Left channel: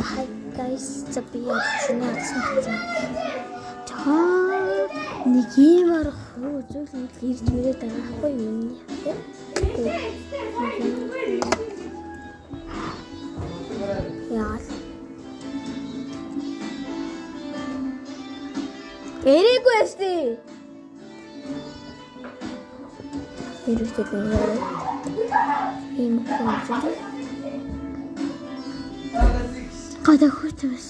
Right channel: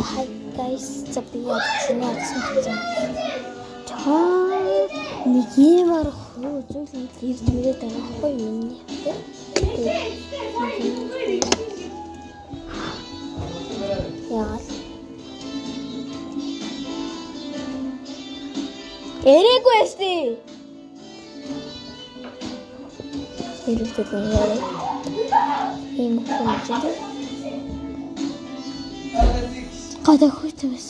hi guys, би яцны арцсан. Нэг юм арахгүй зүйл ирж мөрөд байгаа юм. Яа. Эрэггүй эсти. Эрэгтэй яа. Ийм хүн. Гадаа хүйтэвс.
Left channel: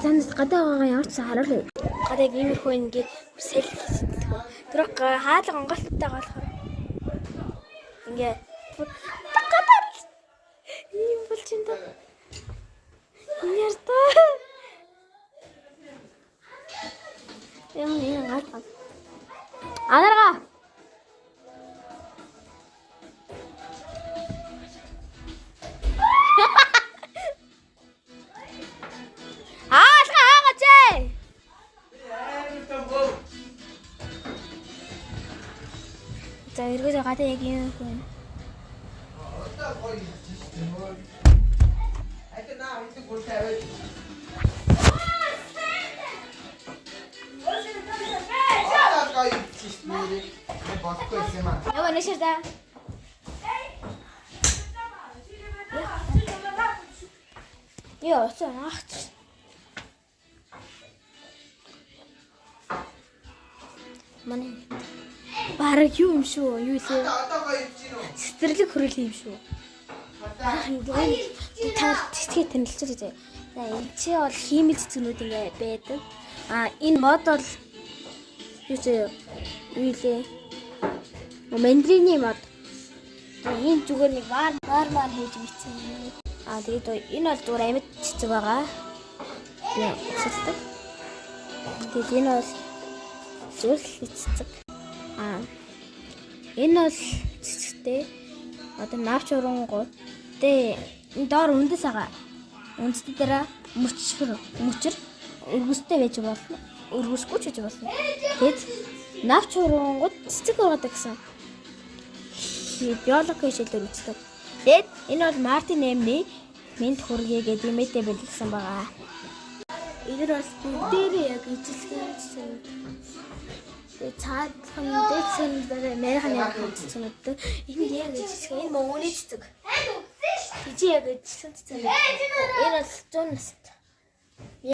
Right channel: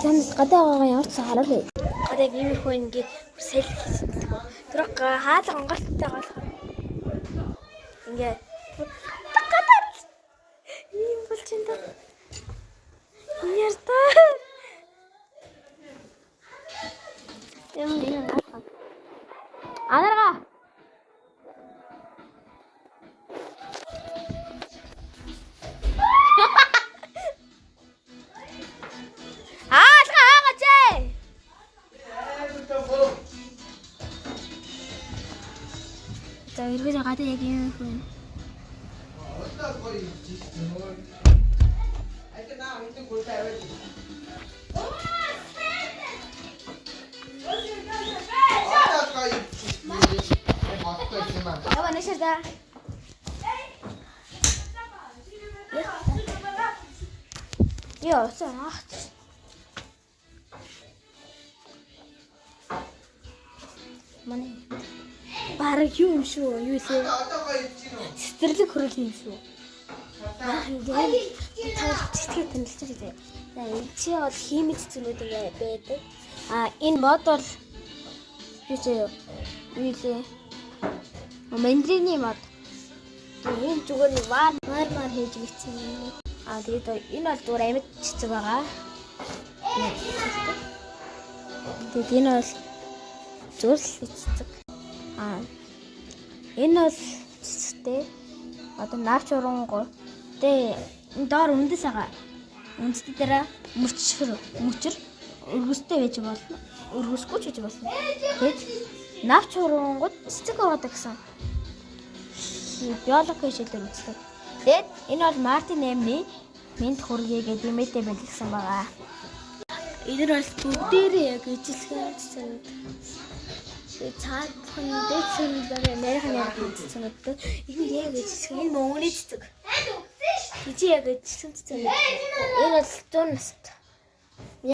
Тэнд гадаа ямар ч харуулъя. Гадаа иймэрхүү ингээд үсэл. Тэр хаалга онгоцтой болохоор ингээд гадаа ийм болж байна. Нэртэ. Яа гад. Анарга. За эргээд гадаа яг юм байна. Apa ni cerita? Yo, sana. Mana? Бараг юу юм шүү? Юу лээ? Сэтэрлэг хөрөл юм шүү. Бараг ингээд та цэцгээ танилцуулж байгаа. За энэ чи бол химийн цэцгнүүд ингээд байдаг. Энэ мод бол юу лээ? Мандрины мод. Энэ зүгээр нэг вар хийж бичсэн юм. Тэгээд энэ бол зүгээр амьд цэцэг байгаа. Тэгээд энэ бол зүрх цэцэг. Энэ бол цэцэгтэй. Одоо навч урангуй. Энэ доор үндэс байгаа. Үндэстэй дараа мөчр өргөстэй байж болно. Өргөсгүй ч гэж болно. Тэгэд навч урангуй цэцэг байгаа гэсэн. Биологи хичээлээр үздэг. Тэгэд энэ бол Мартин Эмми мэд хүргээ гэдэг юмэтэй бэлдсэн байгаа. Энэ бол бүгдээрээ яг ижилхэн цаадхан дэцэн нэрхэн хийсэн гэдэг. Энэ яг ижилхэн энэ мөнгөний цэцэг. Хизээ яг ижилхэн цэцэг. Энэ бол 100 настай.